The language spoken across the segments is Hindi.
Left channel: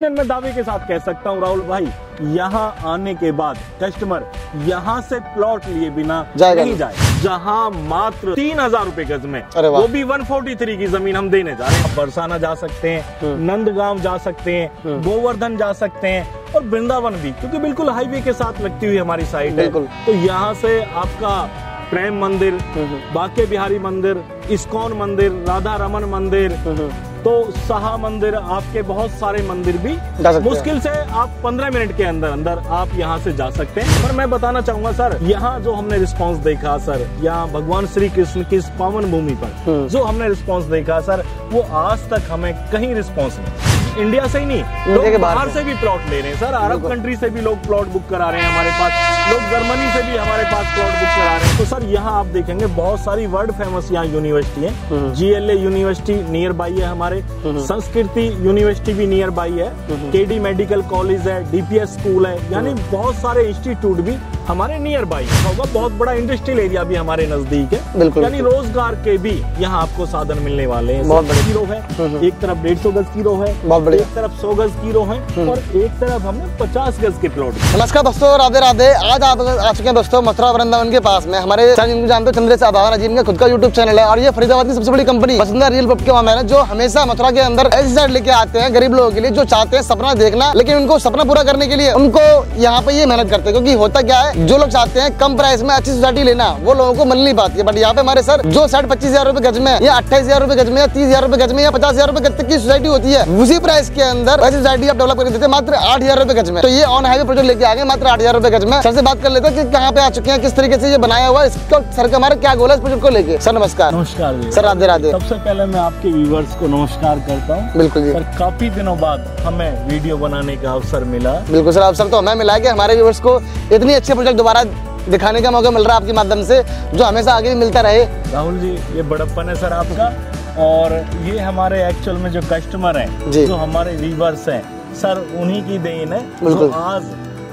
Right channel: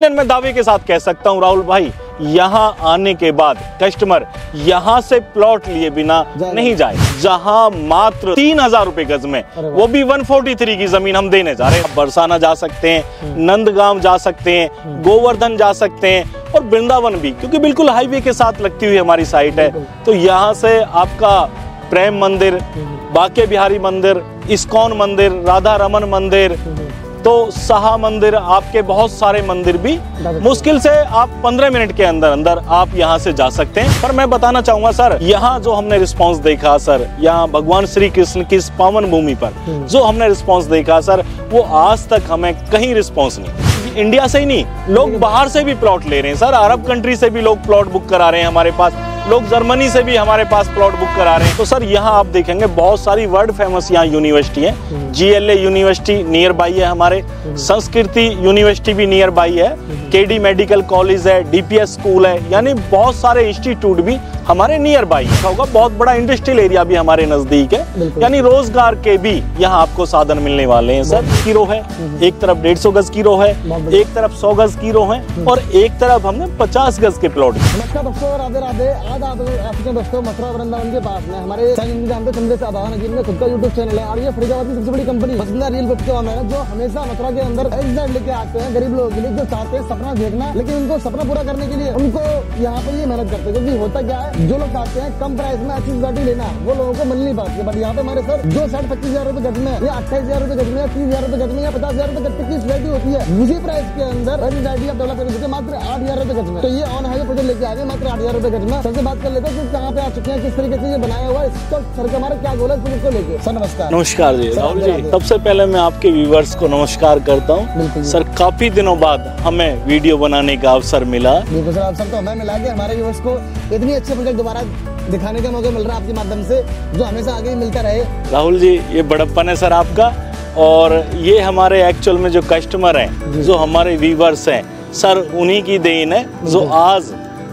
मैं दावे के साथ कह सकता हूं राहुल भाई, यहाँ आने के बाद कस्टमर यहाँ से प्लॉट लिए बिना नहीं जाए। जहाँ मात्र 3,000 रुपए गज में, वो भी 143 की जमीन हम देने जा रहे हैं। बरसाना जा सकते हैं, नंदगांव जा सकते हैं, गोवर्धन जा सकते हैं और वृंदावन भी, क्योंकि बिल्कुल हाईवे के साथ लगती हुई हमारी साइट है। तो यहाँ से आपका प्रेम मंदिर, बांके बिहारी मंदिर, इस्कॉन मंदिर, राधा रमन मंदिर, तो शाह मंदिर, आपके बहुत सारे मंदिर भी मुश्किल से आप 15 मिनट के अंदर अंदर आप यहाँ से जा सकते हैं। पर मैं बताना चाहूंगा सर, यहाँ जो हमने रिस्पांस देखा सर, यहाँ भगवान श्री कृष्ण की इस पावन भूमि पर जो हमने रिस्पांस देखा सर, वो आज तक हमें कहीं रिस्पांस नहीं। इंडिया से ही नहीं, लोग बाहर से भी प्लॉट ले रहे हैं सर। अरब कंट्री से भी लोग प्लॉट बुक करा रहे हैं हमारे पास, लोग जर्मनी से भी हमारे पास प्लॉट बुक करा रहे हैं। तो सर यहाँ आप देखेंगे बहुत सारी वर्ल्ड फेमस यहाँ यूनिवर्सिटी है। GLA यूनिवर्सिटी नियर बाई है हमारे, संस्कृति यूनिवर्सिटी भी नियर बाई है, KD मेडिकल कॉलेज है, DPS स्कूल है, यानी बहुत सारे इंस्टीट्यूट भी हमारे नियर बाई होगा। बहुत बड़ा इंडस्ट्रियल एरिया भी हमारे नजदीक है, यानी रोजगार के भी यहाँ आपको साधन मिलने वाले हैं। सर की रो है, एक तरफ 150 गज की रो है, एक तरफ 100 गज की रो है और एक तरफ हमने 50 गज के प्लॉट। नमस्कार दोस्तों, राधे राधे। आज आप आ चुके हैं दोस्तों मथुरा वृंदावन के पास में। हमारे जानते हो चंद्रेश आधान जी, इनका खुद का यूट्यूब चैनल है और ये फरीदाबाद की सबसे बड़ी कंपनी वसुंधरा रियल प्रॉपर्टी के ओनर है, जो हमेशा मथुरा के अंदर ऐसी साइड लेके आते हैं गरीब लोगों के लिए जो चाहते हैं सपना देखना, लेकिन उनको सपना पूरा करने के लिए उनको यहाँ पे ये मेहनत करते हैं। क्योंकि होता क्या है, जो लोग चाहते हैं कम प्राइस में अच्छी सोसाइटी लेना, वो लोगों को मिल नहीं पाती है। बट यहाँ पे हमारे सर जो 25,000 रुपए गज में या 28,000 रुपए गज में या 30,000 रुपए गज में या 50,000 रुपए गज तक की सोसाइटी होती है, उसी प्राइस के अंदर वैसी सोसाइटी आप डेवलप करके देते हैं मात्र 8,000 रुपए गज में। तो ये ऑन हाईवे प्रोजेक्ट लेके आ गए मात्र 8,000 रुपए गज में। सर से बात कर लेते हैं कि कहाँ पे आ चुके हैं, किस तरीके से ये बनाया हुआ है, इसका सर का हमारा क्या गोल है इस प्रोजेक्ट को लेके। सर नमस्कार। नमस्कार जी सर, राधे राधे। सबसे पहले मैं आपके व्यूवर्स को नमस्कार करता हूँ। बिल्कुल सर, काफी दिनों बाद हमें वीडियो बनाने का अवसर मिला। बिल्कुल सर, अवसर तो हमें मिला है कि हमारे व्यूवर्स को इतनी अच्छे प्रोजेक्ट दोबारा दिखाने का मौका मिल रहा है आपके माध्यम से, जो हमेशा आगे भी मिलता रहे। राहुल जी, ये बड़प्पन है सर आपका, और ये हमारे एक्चुअल में जो कस्टमर हैं, जो हमारे व्यूवर्स हैं सर, उन्हीं की देन है जो आज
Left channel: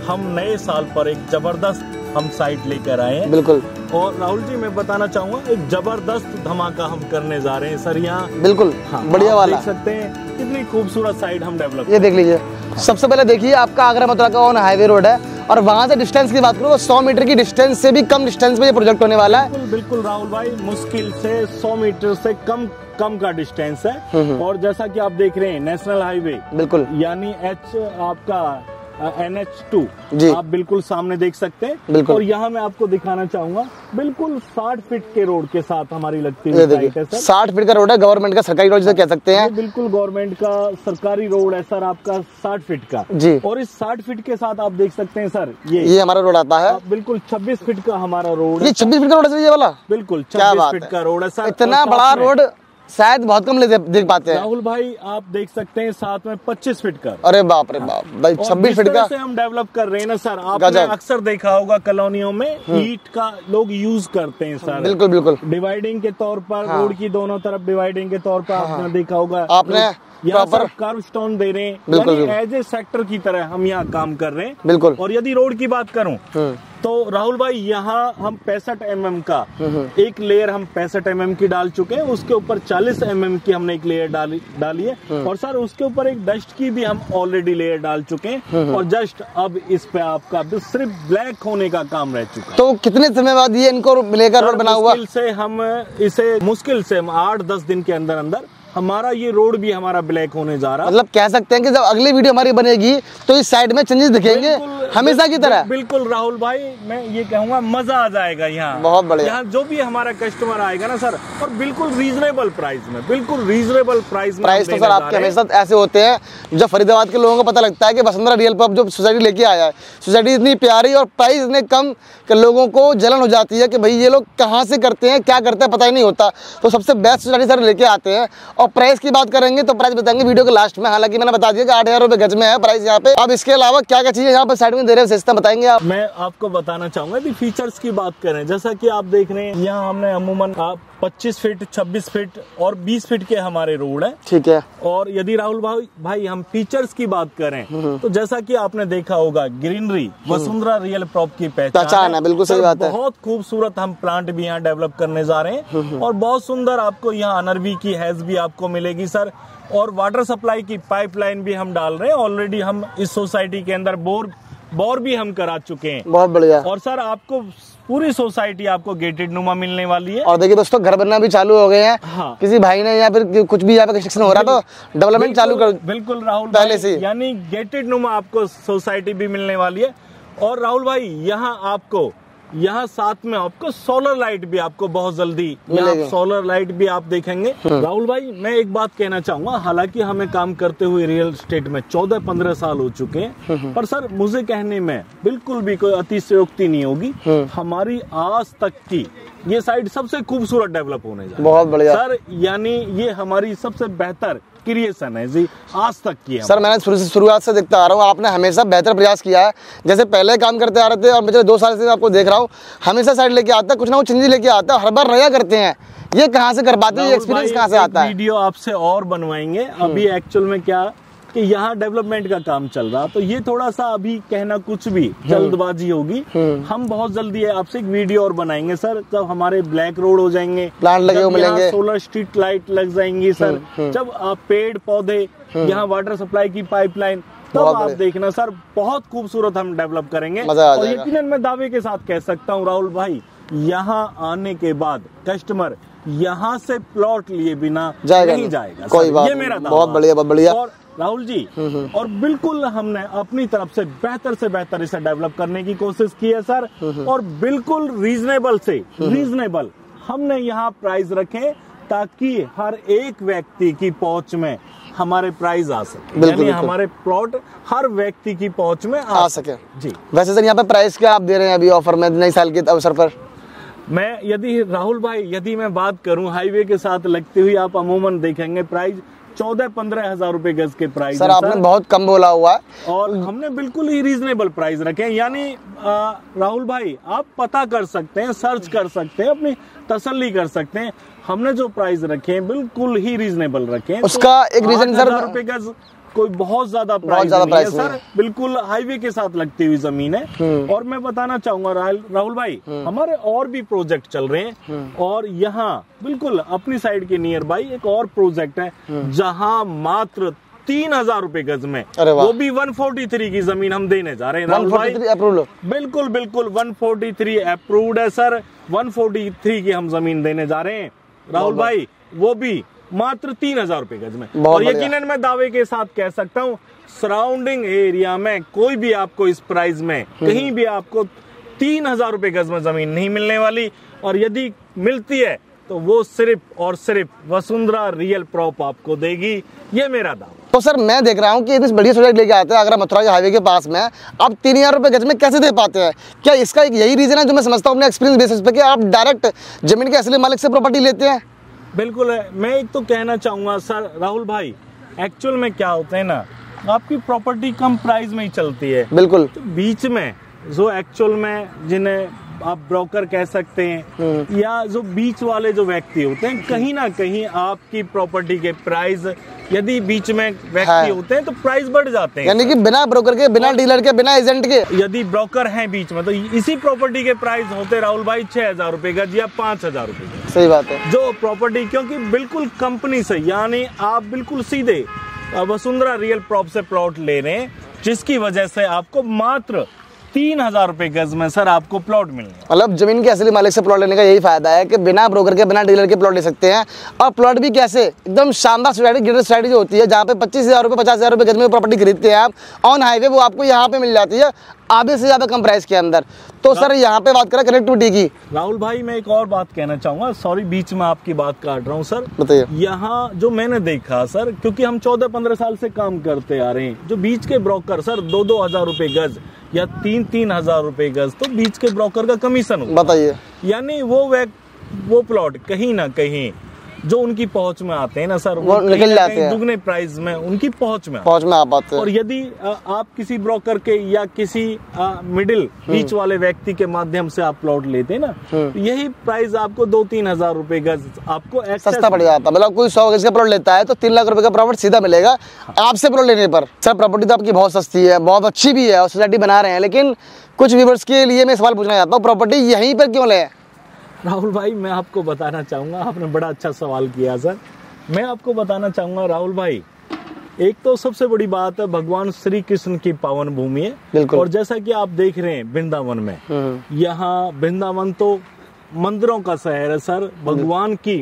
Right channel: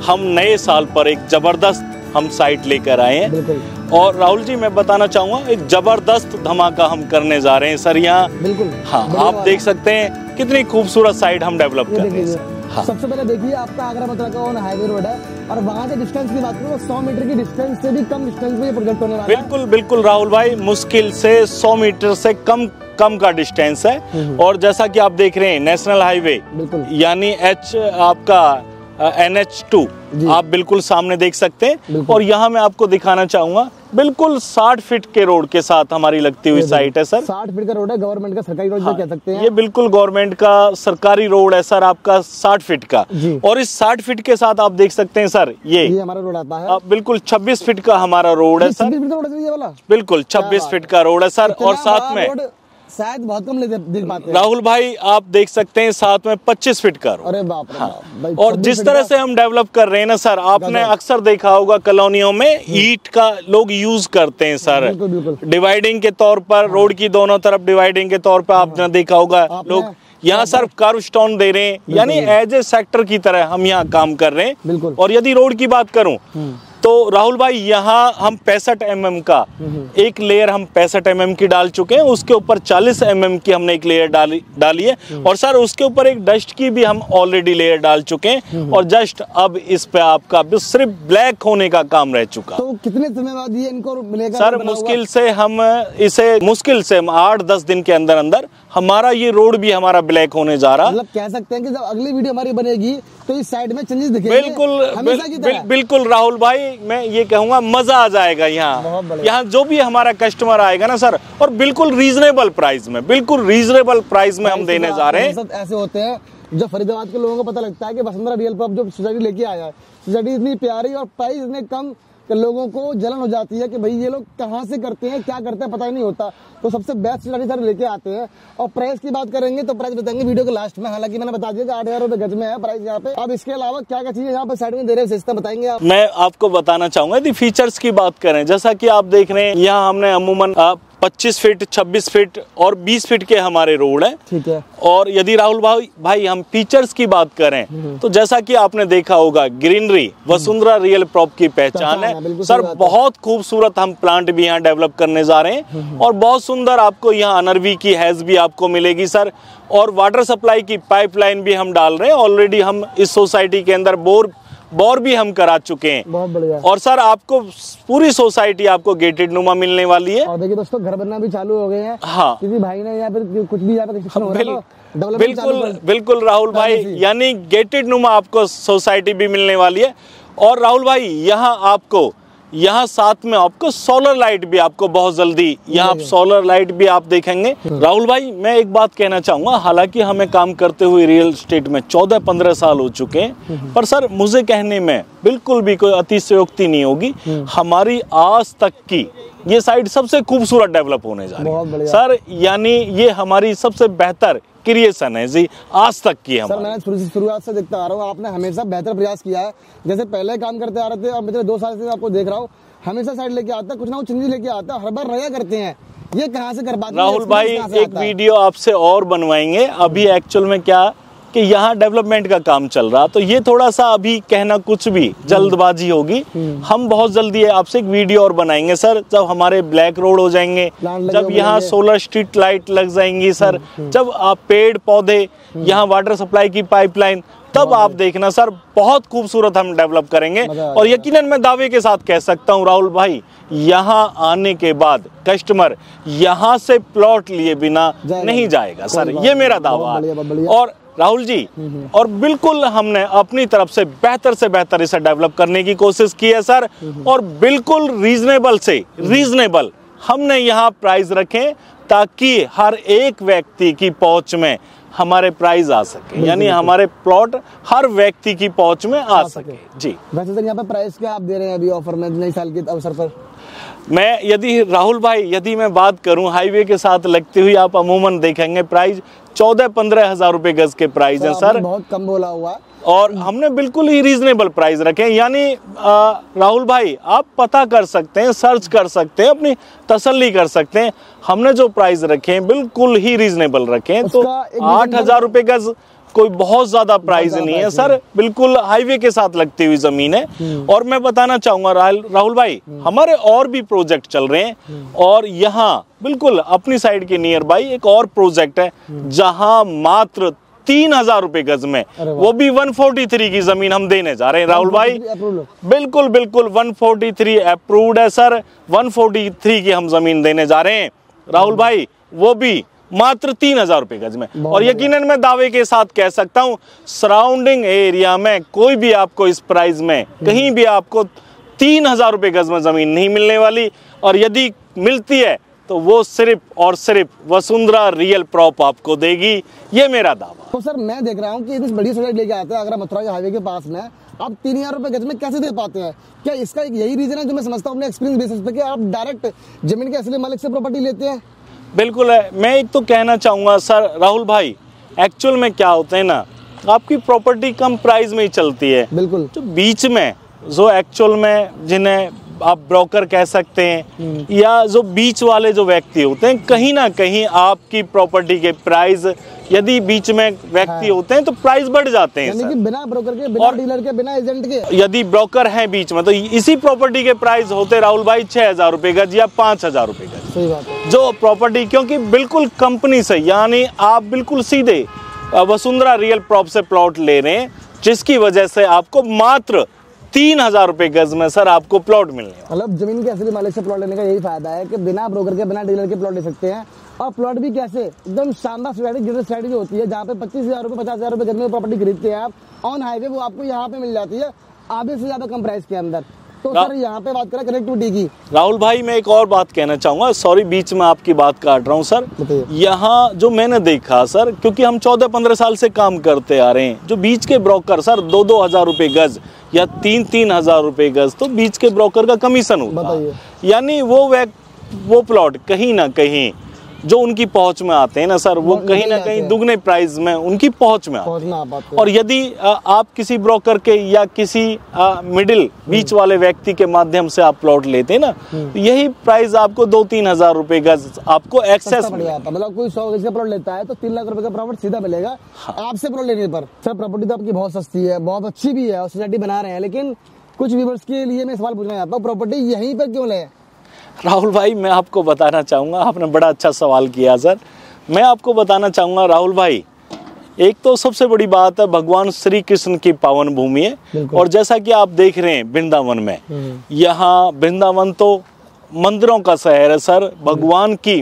हम नए साल पर एक जबरदस्त हम साइट लेकर आए हैं। बिल्कुल। और राहुल जी, मैं बताना चाहूंगा एक जबरदस्त धमाका हम करने जा रहे हैं सर यहाँ। बिल्कुल। हाँ, आप देख सकते हैं कितनी खूबसूरत साइट हम डेवलप। ये देख लीजिए। सबसे पहले देखिए, आपका आगरा मथुरा का ऑन हाईवे रोड है और वहाँ से डिस्टेंस की बात करूँ तो 100 मीटर की डिस्टेंस से भी कम डिस्टेंस में ये प्रोजेक्ट होने वाला है। बिल्कुल बिल्कुल राहुल भाई, मुश्किल से 100 मीटर से कम का डिस्टेंस है। और जैसा कि आप देख रहे हैं नेशनल हाईवे, बिल्कुल, यानी आपका NH2 आप बिल्कुल सामने देख सकते हैं। और यहाँ मैं आपको दिखाना चाहूंगा, बिल्कुल 60 फीट के रोड के साथ हमारी लगती हुई साइट है सर। 60 फीट का रोड है, गवर्नमेंट का सरकारी रोड कह सकते हैं। ये बिल्कुल गवर्नमेंट का सरकारी रोड है सर आपका, 60 फीट का जी। और इस 60 फीट के साथ आप देख सकते हैं सर, ये हमारा रोड आता है। बिल्कुल 26 फीट का हमारा रोड है। 26 फीट का रोड है ये वाला? बिल्कुल 26 फीट का रोड है सर। और साथ में शायद बहुत कम देख पाते हैं राहुल भाई, आप देख सकते हैं साथ में 25 फीट का। अरे बाप रे बाप भाई। और जिस तरह से हम डेवलप कर रहे हैं ना सर, आपने अक्सर देखा होगा कॉलोनियों में ईंट का लोग यूज करते हैं सर। बिल्कुल बिल्कुल। डिवाइडिंग के तौर पर, रोड की दोनों तरफ डिवाइडिंग के तौर पर आपने देखा होगा लोग यहाँ सर कर्व स्टोन दे रहे हैं, यानी एज ए सेक्टर की तरह हम यहाँ काम कर रहे हैं। बिल्कुल। और यदि रोड की बात करूँ तो राहुल भाई, यहाँ हम 65 mm का एक लेयर हम 65 mm की डाल चुके हैं, उसके ऊपर 40 mm की हमने एक लेयर डाली है। और सर उसके ऊपर एक डस्ट की भी हम ऑलरेडी लेयर डाल चुके हैं। और जस्ट अब इस पे आपका सिर्फ ब्लैक होने का काम रह चुका। तो कितने समय बाद ये इनको लेकर बना हुआ? मुश्किल से हम 8-10 दिन के अंदर अंदर हमारा ये रोड भी हमारा ब्लैक होने जा रहा है। मतलब कह सकते हैं कि जब अगली वीडियो हमारी बनेगी तो इस साइड में चेंजेस दिखेंगे हमेशा की तरह। बिल्कुल राहुल भाई, मैं ये कहूँगा मजा आ जाएगा यहाँ। बहुत बढ़िया। यहाँ जो भी हमारा कस्टमर आएगा ना सर, और बिल्कुल रीजनेबल प्राइस में, बिल्कुल रीजनेबल प्राइस में हम देने जा रहे हैं। ऐसे होते हैं जब फरीदाबाद के लोगों को पता लगता है कि वसुंधरा रियल प्रॉपर्टी जो सोसाइटी लेके आया है, सोसाइटी इतनी प्यारी और प्राइस इतने कम कि लोगों को जलन हो जाती है कि भाई ये लोग कहाँ से करते हैं, क्या करते हैं, पता ही नहीं होता। तो सबसे बेस्ट सोसाइटी सर लेके आते हैं। और प्राइस की बात करेंगे तो प्राइस बताएंगे वीडियो के लास्ट में। हालांकि मैंने बता दिया कि 8,000 रुपए गज में है प्राइस यहाँ पे। अब इसके अलावा क्या क्या चीजें यहाँ पर साइड में दे रहे हैं, विशेषता बताएंगे आप? मैं आपको बताना चाहूंगा यदि फीचर्स की बात करें, जैसा कि आप देख रहे हैं यहाँ हमने अमूमन 25 फीट, 26 फीट और 20 फीट के हमारे रोड हैं। ठीक है। और यदि राहुल भाई हम फीचर्स की बात करें तो जैसा कि आपने देखा होगा, ग्रीनरी वसुंधरा रियल प्रॉप की पहचान है। बिल्कुल सर, बहुत खूबसूरत हम प्लांट भी यहाँ डेवलप करने जा रहे हैं और बहुत सुंदर आपको यहाँ अनरवी की हैज भी आपको मिलेगी सर। और वाटर सप्लाई की पाइपलाइन भी हम डाल रहे हैं। ऑलरेडी हम इस सोसाइटी के अंदर बोर भी हम करा चुके हैं। बहुत बढ़िया। और सर आपको पूरी सोसाइटी आपको गेटेड नुमा मिलने वाली है। और देखिए दोस्तों, घर बनना भी चालू हो गए हैं। हाँ, किसी भाई ने या फिर कुछ भी यहाँ पे कंस्ट्रक्शन हो रहा है तो डेवलपमेंट चालू कर। बिल्कुल राहुल भाई, यानी गेटेड नुमा आपको सोसाइटी भी मिलने वाली है। और राहुल भाई, यहाँ साथ में आपको सोलर लाइट भी आपको बहुत जल्दी यहाँ सोलर लाइट भी आप देखेंगे। राहुल भाई, मैं एक बात कहना चाहूंगा, हालांकि हमें काम करते हुए रियल एस्टेट में 14-15 साल हो चुके हैं, पर सर मुझे कहने में बिल्कुल भी कोई अतिशयोक्ति नहीं होगी। हमारी आज तक की ये साइट सबसे खूबसूरत डेवलप होने जा रही है। बहुत बढ़िया सर, यानी ये हमारी सबसे बेहतर क्रिएशन है जी आज तक की। सर मैंने शुरुआत से देखता आ रहा हूँ, आपने हमेशा बेहतर प्रयास किया है। जैसे पहले काम करते आ रहे थे और पिछले 2 साल से आपको देख रहा हूँ, हमेशा साइड लेके आता है, कुछ ना कुछ चेंज लेके आता है, हर बार नया करते हैं। ये कहाँ से कर पाते हैं? राहुल भाई, एक वीडियो आपसे और बनवाएंगे। अभी एक्चुअल में क्या कि यहाँ डेवलपमेंट का काम चल रहा, तो ये थोड़ा सा अभी कहना कुछ भी जल्दबाजी होगी। हम बहुत जल्दी आपसे एक वीडियो और बनाएंगे सर, जब हमारे ब्लैक रोड हो जाएंगे, जब यहाँ सोलर स्ट्रीट लाइट लग जाएंगी सर, जब आप पेड़ पौधे, यहाँ वाटर सप्लाई की पाइपलाइन, तब आप देखना सर, बहुत खूबसूरत हम डेवलप करेंगे। और यकीनन मैं दावे के साथ कह सकता हूँ राहुल भाई, यहाँ आने के बाद कस्टमर यहाँ से प्लॉट लिए बिना नहीं जाएगा सर, ये मेरा दावा। और राहुल जी, और बिल्कुल हमने अपनी तरफ से बेहतर इसे डेवलप करने की कोशिश की है सर। और बिल्कुल रीजनेबल हमने यहाँ प्राइस रखे ताकि हर एक व्यक्ति की पहुंच में हमारे प्राइस आ सके, यानी हमारे प्लॉट हर व्यक्ति की पहुंच में आ सके जी। वैसे सर यहाँ पे प्राइस क्या आप दे रहे हैं अभी ऑफर में नए साल के अवसर पर? राहुल भाई, यदि मैं बात करूं हाईवे के साथ लगती हुई, आप अमूमन देखेंगे प्राइस 14-15 हजार रुपए गज के प्राइस है सर। बहुत कम बोला हुआ है और हमने बिल्कुल ही रीजनेबल प्राइस रखे हैं। यानी राहुल भाई, आप पता कर सकते हैं, सर्च कर सकते हैं, अपनी तसल्ली कर सकते हैं। हमने जो प्राइस रखे हैं बिल्कुल ही रीजनेबल रखे हैं। उसका एक 8,000 रुपए गज कोई बहुत ज्यादा प्राइस नहीं है सर, बिल्कुल हाईवे के साथ लगती हुई जमीन है। और मैं बताना चाहूंगा राहुल भाई, हमारे और भी प्रोजेक्ट चल रहे हैं। और यहाँ बिल्कुल अपनी साइड के नियर बाई एक और प्रोजेक्ट है, जहाँ मात्र 3,000 रुपए गज में, वो भी 143 की जमीन हम देने जा रहे हैं राहुल भाई। बिल्कुल 143 अप्रूव्ड है सर, 143 की हम जमीन देने जा रहे हैं राहुल भाई, वो भी मात्र 3,000 रुपए गज में। और यकीनन मैं दावे के साथ कह सकता हूँ, सराउंडिंग एरिया में कोई भी आपको इस प्राइस में कहीं भी आपको 3,000 रुपए गज में जमीन नहीं मिलने वाली। और यदि मिलती है तो वो सिर्फ और सिर्फ वसुंधरा रियल प्रॉप आपको देगी, ये मेरा दावा। तो सर मैं देख रहा हूँ कि इतनी बढ़िया सोसाइटी लेके आते हैं आगरा मथुरा के हाईवे के पास में, आप 3,000 रुपए गज में कैसे दे पाते हैं? क्या इसका एक यही रीजन है जो मैं समझता हूँ अपने एक्सपीरियंस बेसिस पे, कि आप डायरेक्ट जमीन के असली मालिक से प्रॉपर्टी लेते हैं? बिल्कुल है। मैं एक तो कहना चाहूंगा सर राहुल भाई, एक्चुअल में क्या होता है ना, आपकी प्रॉपर्टी कम प्राइस में ही चलती है। बिल्कुल। तो बीच में जो एक्चुअल में जिन्हें आप ब्रोकर कह सकते हैं, या जो बीच वाले जो व्यक्ति होते हैं, कहीं ना कहीं आपकी प्रॉपर्टी के प्राइस, यदि बीच में व्यक्ति होते हैं तो प्राइस बढ़ जाते हैं। यानी कि बिना ब्रोकर के, बिना डीलर के, बिना एजेंट के, यदि ब्रोकर हैं बीच में, तो इसी प्रॉपर्टी के प्राइस होते राहुल भाई 6,000 रुपए गज या 5,000 रुपए गज। सही बात है। जो प्रॉपर्टी, क्योंकि बिल्कुल कंपनी से, यानी आप बिल्कुल सीधे वसुंधरा रियल प्रॉप से प्लॉट ले रहे हैं, जिसकी वजह से आपको मात्र 3,000 रुपए गज में सर आपको प्लॉट मिलने। मतलब जमीन के असली मालिक से प्लॉट लेने का यही फायदा है कि बिना ब्रोकर के, बिना डीलर के प्लॉट ले सकते हैं। और प्लॉट भी कैसे, एकदम शानदार स्ट्रैटेजी जो होती है, जहाँ पे 25,000 रुपए, 50,000 रुपए गज में प्रॉपर्टी खरीदते हैं आप ऑन हाईवे, वो आपको यहाँ पे मिल जाती है आधे से ज्यादा कम प्राइस के अंदर। तो सर यहाँ पे बात करें कनेक्टिविटी की, राहुल भाई मैं एक और बात कहना चाहूंगा, सॉरी बीच में आपकी बात काट रहा हूँ सर। बताइए। यहाँ जो मैंने देखा सर, क्योंकि हम 14-15 साल से काम करते आ रहे हैं, जो बीच के ब्रोकर सर 2-2 हजार रुपए गज या 3-3 हजार रुपए गज, तो बीच के ब्रोकर का कमीशन होता है। बताइए। यानी वो प्लॉट कहीं ना कहीं जो उनकी पहुंच में आते हैं ना सर, वो कहीं ना कहीं दुगने प्राइस में उनकी पहुंच में आ पाते हैं। और यदि आप किसी ब्रोकर के या किसी मिडिल बीच वाले व्यक्ति के माध्यम से आप प्लॉट लेते हैं ना, यही प्राइस आपको 2-3 हजार रुपए गज आपको एक्सेस पड़ जाता है। मतलब कोई 100 गज का प्लॉट लेता है तो 3 लाख रुपए का प्रॉफिट सीधा मिलेगा आपसे प्लॉट लेने पर। सर प्रॉपर्टी तो आपकी बहुत सस्ती है, बहुत अच्छी भी है और सोसाइटी बना रहे हैं, लेकिन कुछ व्यूअर्स के लिए मैं सवाल पूछना चाहता हूँ, प्रॉपर्टी यहीं पर क्यों ले? राहुल भाई मैं आपको बताना चाहूँगा, आपने बड़ा अच्छा सवाल किया सर। मैं आपको बताना चाहूँगा राहुल भाई, एक तो सबसे बड़ी बात है भगवान श्री कृष्ण की पावन भूमि है। और जैसा कि आप देख रहे हैं वृंदावन में, यहाँ वृंदावन तो मंदिरों का शहर है सर, भगवान की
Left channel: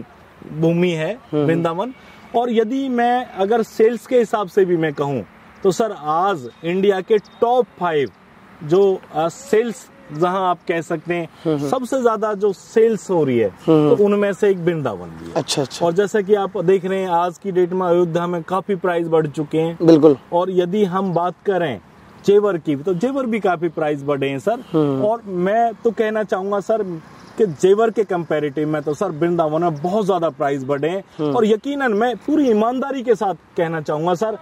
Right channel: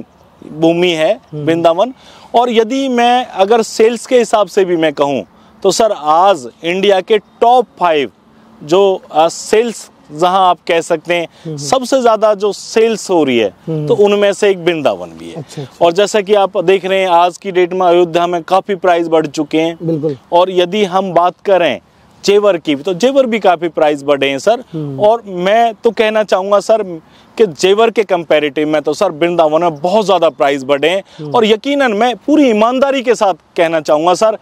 भूमि है वृंदावन। और यदि मैं अगर सेल्स के हिसाब से भी मैं कहूँ तो सर आज इंडिया के टॉप 5 जो सेल्स जहां आप कह सकते हैं सबसे ज्यादा जो सेल्स हो रही है तो उनमें से एक वृंदावन भी है। अच्छा। और जैसा कि आप देख रहे हैं आज की डेट में अयोध्या में काफी प्राइस बढ़ चुके हैं। बिल्कुल। और यदि हम बात करें जेवर की तो जेवर भी काफी प्राइस बढ़े हैं सर। और मैं तो कहना चाहूंगा सर कि जेवर के कंपैरेटिव में तो सर वृंदावन में बहुत ज्यादा प्राइस बढ़े हैं। और यकीनन मैं पूरी ईमानदारी के साथ कहना चाहूंगा सर,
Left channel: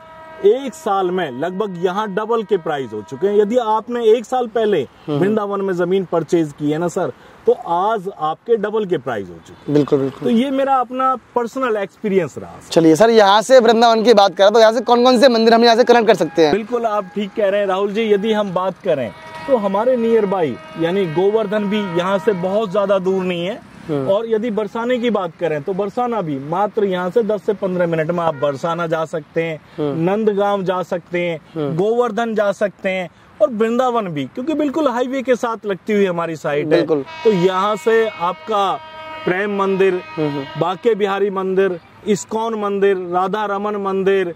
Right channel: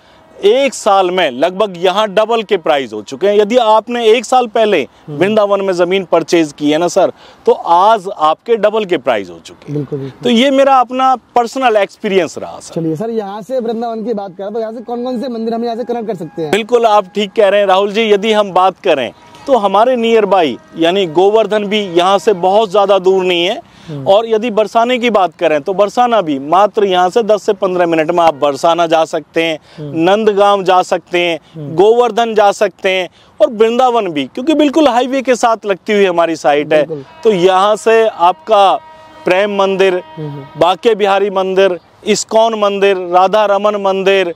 एक साल में लगभग यहाँ डबल के प्राइस हो चुके हैं। यदि आपने 1 साल पहले वृंदावन में जमीन परचेज की है ना सर, तो आज आपके डबल के प्राइस हो चुके हैं। बिल्कुल बिल्कुल। तो ये मेरा अपना पर्सनल एक्सपीरियंस रहा सर। चलिए सर, यहाँ से वृंदावन की बात करें तो यहाँ से कौन कौन से मंदिर हम यहाँ से कनेक्ट कर सकते हैं? बिल्कुल आप ठीक कह रहे हैं राहुल जी। यदि हम बात करें तो हमारे नियर बाई यानी गोवर्धन भी यहाँ से बहुत ज्यादा दूर नहीं है। और यदि बरसाने की बात करें तो बरसाना भी मात्र यहाँ से 10 से 15 मिनट में आप बरसाना जा सकते हैं, नंदगांव जा सकते हैं, गोवर्धन जा सकते हैं और वृंदावन भी, क्योंकि बिल्कुल हाईवे के साथ लगती हुई हमारी साइट है। तो यहाँ से आपका प्रेम मंदिर, बांके बिहारी मंदिर, इस्कॉन मंदिर, राधा रमन मंदिर,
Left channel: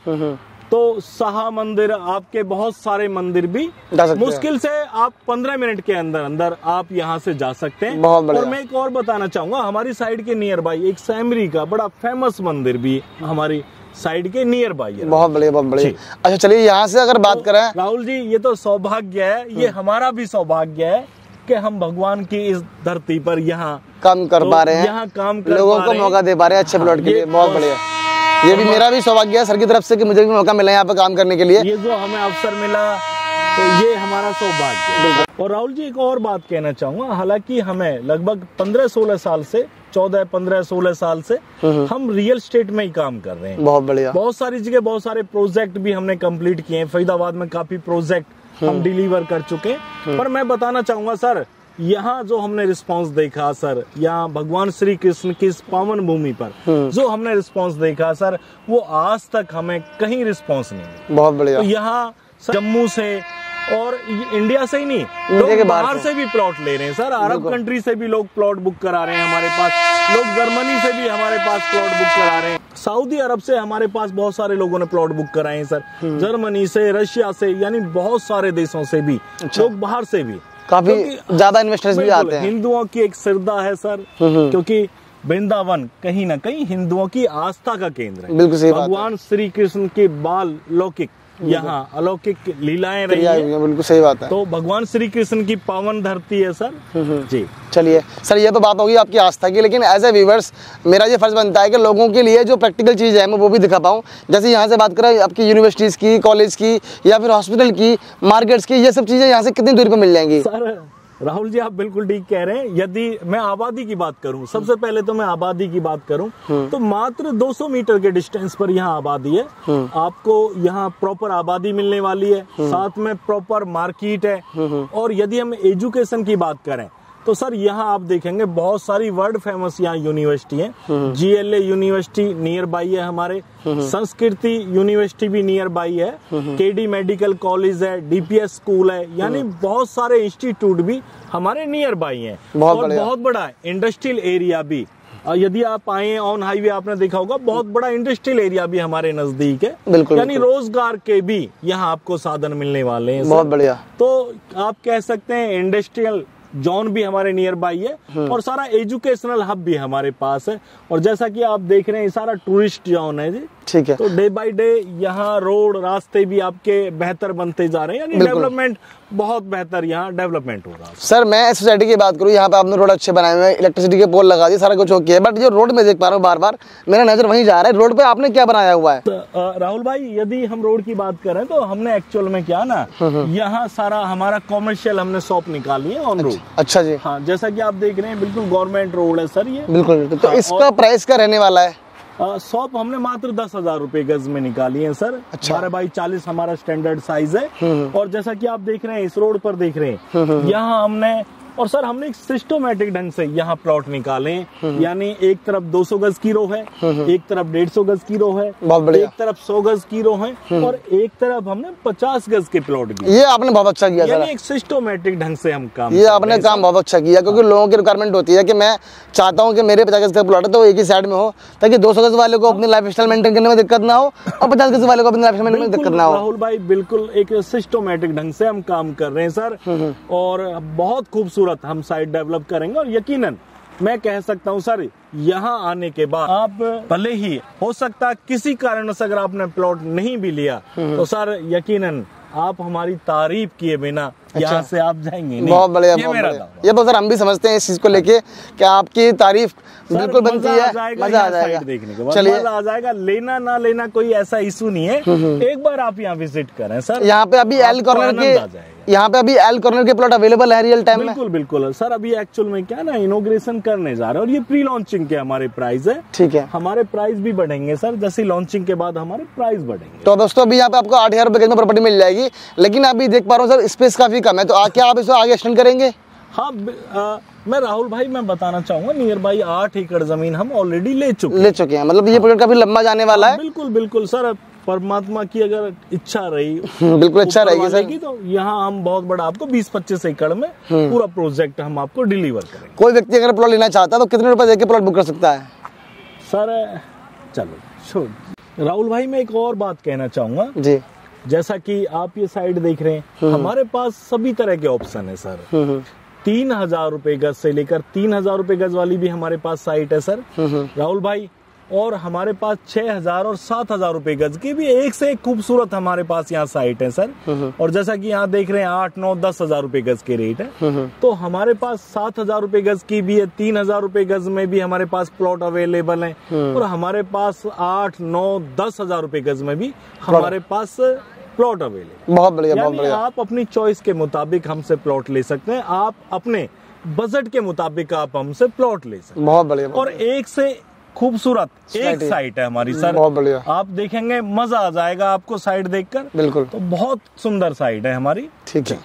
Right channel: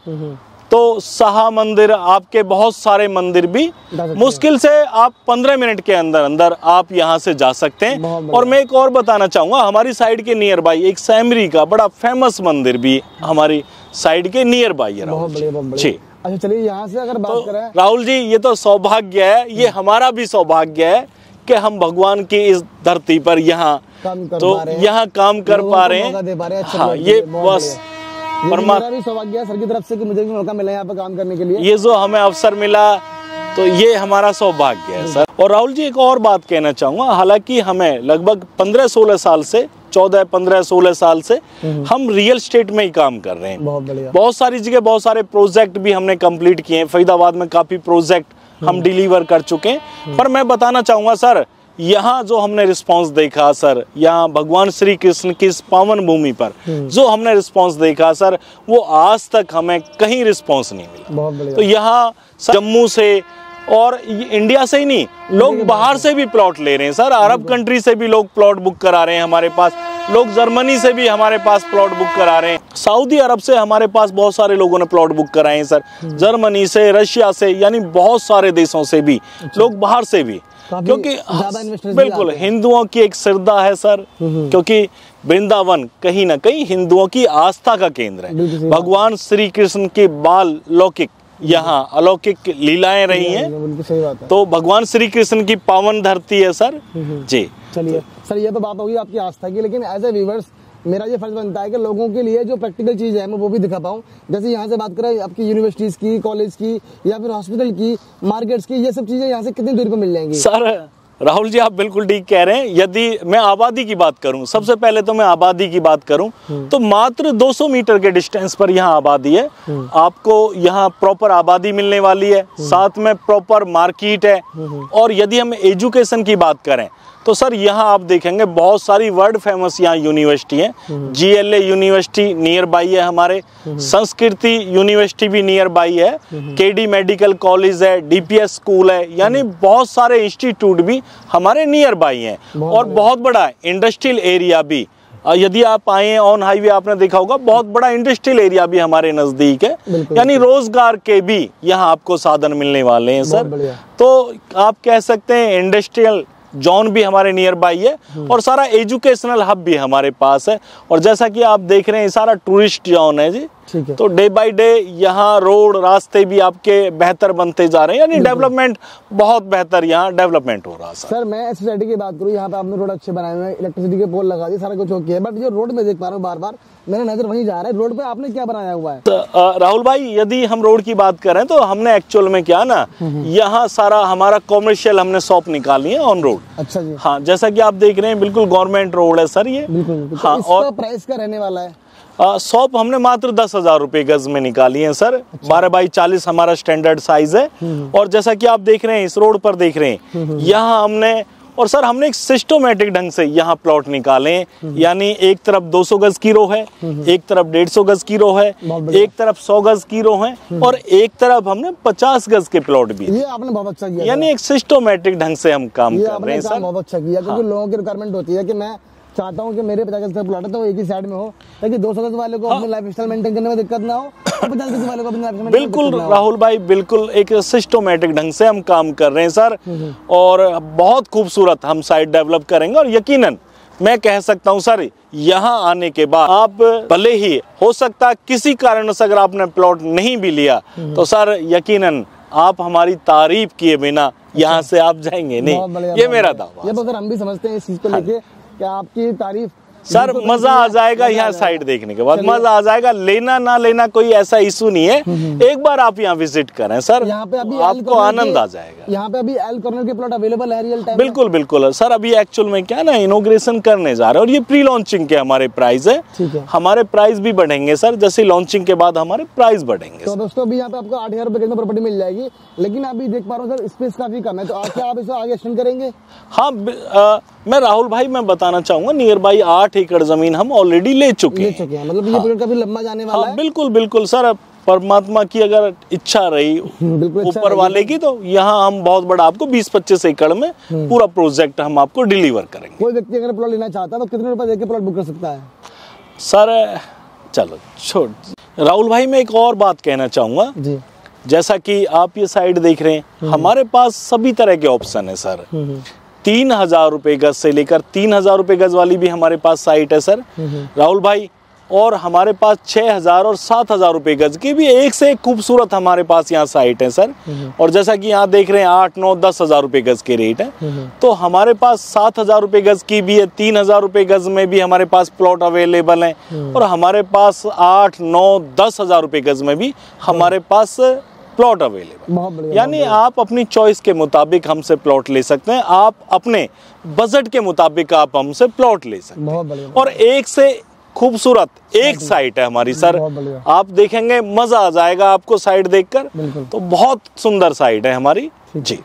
तो शाह मंदिर, आपके बहुत सारे मंदिर भी मुश्किल से आप 15 मिनट के अंदर अंदर आप यहाँ से जा सकते हैं। और मैं एक और बताना चाहूंगा, हमारी साइड के नियर बाई एक सैमरी का बड़ा फेमस मंदिर भी हमारी साइड के नियर बाई है। बहुत बढ़िया, बहुत बढ़िया। अच्छा चलिए, यहाँ से अगर बात करें राहुल जी, ये तो सौभाग्य है, ये हमारा भी सौभाग्य है कि हम भगवान की इस धरती पर यहाँ काम कर पा रहे हैं, यहाँ काम कर पा रहे हैं, मौका दे पा रहे हैं अच्छे प्लॉट के लिए। बहुत बढ़िया। ये भी मेरा भी सौभाग्य है सर की तरफ से कि मुझे भी मौका मिला यहाँ पे काम करने के लिए। ये जो हमें अवसर मिला तो ये हमारा सौभाग्य है सर। और राहुल जी एक और बात कहना चाहूँगा, हालांकि हमें लगभग 15-16 साल से 14-15-16 साल से हम रियल एस्टेट में ही काम कर रहे हैं। बहुत बढ़िया। बहुत सारी जगह बहुत सारे प्रोजेक्ट भी हमने कंप्लीट किए हैं। फरीदाबाद में काफी प्रोजेक्ट हम डिलीवर कर चुके हैं। पर मैं बताना चाहूँगा सर, यहाँ जो हमने रिस्पांस देखा सर, यहाँ भगवान श्री कृष्ण की इस पावन भूमि पर जो हमने रिस्पांस देखा सर, वो आज तक हमें कहीं रिस्पांस नहीं मिला। बहुत बढ़िया। तो यहाँ जम्मू से और इंडिया से ही नहीं, लोग बाहर से भी प्लॉट ले रहे हैं सर। अरब कंट्री से भी लोग प्लॉट बुक करा रहे हैं हमारे पास, लोग जर्मनी से भी हमारे पास प्लॉट बुक करा रहे हैं, सऊदी अरब से हमारे पास बहुत सारे लोगों ने प्लॉट बुक कराए हैं सर, जर्मनी से, रशिया से, यानी बहुत सारे देशों से भी लोग, बाहर से भी, क्योंकि ज्यादा इन्वेस्टर्स भी आते हैं। हिंदुओं की एक श्रद्धा है सर, क्योंकि वृंदावन कहीं ना कहीं हिंदुओं की आस्था का केंद्र है। भगवान श्री कृष्ण के बाल लौकिक यहाँ अलौकिक लीलाएं रही हैं। बिल्कुल सही बात है। तो भगवान श्री कृष्ण की पावन धरती है सर जी। चलिए सर, ये तो बात होगी आपकी आस्था की, लेकिन एज ए व्यूअर्स मेरा ये फर्ज बनता है कि लोगों के लिए जो प्रैक्टिकल चीज़ है मैं वो भी दिखा पाऊँ। जैसे यहाँ से बात करें आपकी यूनिवर्सिटीज़ की, कॉलेज की या फिर हॉस्पिटल की, मार्केट्स की, ये सब चीज़ें यहाँ से कितनी दूरी पर मिल जाएंगी? सर राहुल जी आप बिल्कुल ठीक कह रहे हैं। यदि मैं आबादी की बात करूं, सबसे पहले तो मैं आबादी की बात करूं तो मात्र 200 मीटर के डिस्टेंस पर यहाँ आबादी है। आपको यहाँ प्रॉपर आबादी मिलने वाली है, साथ में प्रॉपर मार्केट है। और यदि हम एजुकेशन की बात करें तो सर यहाँ आप देखेंगे बहुत सारी वर्ल्ड फेमस यहाँ यूनिवर्सिटी है। GLA यूनिवर्सिटी नियर बाई है हमारे, संस्कृति यूनिवर्सिटी भी नियर बाई है, KD मेडिकल कॉलेज है, DPS स्कूल है, यानी बहुत सारे इंस्टीट्यूट भी हमारे नियर बाई हैं। और बहुत बड़ा इंडस्ट्रियल एरिया भी, यदि आप आए ऑन हाईवे आपने देखा होगा, बहुत बड़ा इंडस्ट्रियल एरिया भी हमारे नजदीक है, यानी रोजगार के भी यहाँ आपको साधन मिलने वाले हैं। बहुत बढ़िया। तो आप कह सकते हैं इंडस्ट्रियल जोन भी हमारे नियर बाई है और सारा एजुकेशनल हब भी हमारे पास है। और जैसा कि आप देख रहे हैं सारा टूरिस्ट जोन है जी, ठीक है। तो डे बाय डे यहाँ रोड रास्ते भी आपके बेहतर बनते जा रहे हैं, यानी डेवलपमेंट बहुत बेहतर यहाँ डेवलपमेंट हो रहा है। सर मैं सोसाइटी की बात करूँ, यहाँ पे आपने रोड अच्छे बनाए हुए हैं, इलेक्ट्रिसिटी के पोल लगा दिए, सारा कुछ ओके है, बट जो रोड में देख पा रहा हूँ बार बार मेरा नजर वहीं जा रहा है, रोड पे आपने क्या बनाया हुआ है? राहुल भाई, यदि हम रोड की बात करें तो हमने एक्चुअल में क्या ना, यहाँ सारा हमारा कॉमर्शियल हमने शॉप निकाली है ऑन रोड। अच्छा जी। हाँ, जैसा कि आप देख रहे हैं बिल्कुल गवर्नमेंट रोड है सर ये। बिल्कुल। तो इसका प्राइस क्या रहने वाला है? शॉप हमने मात्र 10,000 रुपए गज में निकाली है सर। 12x40 हमारा स्टैंडर्ड साइज है। और जैसा कि आप देख रहे हैं इस रोड पर देख रहे हैं, यहाँ हमने और सर हमने एक सिस्टमेटिक ढंग से यहाँ प्लॉट निकाले, यानी एक तरफ 200 गज की रो है, एक तरफ 150 गज की रो है, एक तरफ 100 गज की रो है, और एक तरफ हमने 50 गज के प्लॉट भी। ये आपने बहुत अच्छा किया, यानी एक सिस्टमेटिक ढंग से हम काम, ये आपने काम बहुत अच्छा किया, क्योंकि लोगों की रिक्वायरमेंट होती है कि मैं चाहता हूँ कि मेरे 50 गज का प्लॉट है तो एक ही साइड में हो, ताकि 200 गज वाले को अपनी लाइफ स्टाइल मेंटेन करने में दिक्कत ना हो और 50 गज वाले को अपनी लाइफ स्टाइल में दिक्कत ना हो। राहुल भाई बिल्कुल एक सिस्टमेटिक ढंग से हम काम कर रहे हैं सर, और बहुत खूबसूरत हम साइट डेवलप करेंगे। और यकीनन मैं कह सकता हूं सर, यहाँ आने के बाद आप भले ही हो सकता किसी कारण से अगर आपने प्लॉट नहीं भी लिया तो सर यकीनन आप हमारी तारीफ किए बिना यहाँ से आप जाएंगे नहीं। बहुत बढ़िया, ये मेरा दावा। ये तो सर हम भी समझते हैं इस चीज को लेके कि आपकी तारीफ सर मजा आ जाएगा यहाँ साइट देखने के बाद, मजा आ जाएगा। लेना ना लेना कोई ऐसा इशू नहीं है, एक बार आप यहाँ विजिट करें सर। यहाँ पे अभी एल कॉर्नर आनंद आ जाएगा। यहाँ पे अभी एल कॉर्नर के प्लॉट अवेलेबल है रियल टाइम? बिल्कुल बिल्कुल सर, अभी एक्चुअल में क्या ना इनॉग्रेशन करने जा रहे हैं और ये प्री लॉन्चिंग के हमारे प्राइस है। ठीक है। हमारे प्राइस भी बढ़ेंगे सर, जैसे लॉन्चिंग के बाद हमारे प्राइस बढ़ेंगे। तो दोस्तों अभी यहाँ पे आपको 8,000 रुपए में प्रॉपर्टी मिल जाएगी, लेकिन अभी देख पा रहा हूँ सर स्पेस काफी कम है, तो क्या आप इसको आगे एक्सटेंड करेंगे? हाँ, मैं राहुल भाई मैं बताना चाहूंगा नियर बाई 8 एकड़ जमीन हम ऑलरेडी ले चुके हैं। मतलब ये प्रोजेक्ट काफी लंबा जाने वाला है। बिल्कुल बिल्कुल सर, परमात्मा की अगर इच्छा रही बिल्कुल अच्छा वाले की, तो यहाँ हम बहुत बड़ा आपको 20-25 एकड़ में पूरा प्रोजेक्ट हम आपको डिलीवर करेंगे। कोई व्यक्ति अगर प्लॉट लेना चाहता है तो कितने रुपए देके प्लॉट बुक कर सकता है? सर चलो छोड़ राहुल भाई, मैं एक और बात कहना चाहूंगा जी। जैसा कि आप ये साइड देख रहे हैं, हमारे पास सभी तरह के ऑप्शन है सर। 3,000 रुपए गज से लेकर 3,000 रुपए गज वाली भी हमारे पास साइट है सर राहुल भाई, और हमारे पास 6,000 और 7,000 रुपए गज की भी एक से एक खूबसूरत हमारे पास यहाँ साइट है सर। और जैसा कि यहाँ देख रहे हैं 8, 9, 10,000 रुपए गज के रेट है, तो हमारे पास 7,000 रुपए गज की भी है, 3,000 रुपए गज में भी हमारे पास प्लॉट अवेलेबल है, और हमारे पास 8, 9, 10,000 रुपए गज में भी हमारे पास प्लॉट अवेलेबल। बहुत बढ़िया। यानी आप अपनी चॉइस के मुताबिक हमसे प्लॉट ले सकते हैं, आप अपने बजट के मुताबिक आप हमसे प्लॉट ले सकते हैं। बहुत बढ़िया। और एक से खूबसूरत एक साइट है हमारी सर, बहुत बढ़िया। आप देखेंगे मजा आ जाएगा आपको साइट देखकर। बिल्कुल। तो बहुत सुंदर साइट है हमारी। ठीक है।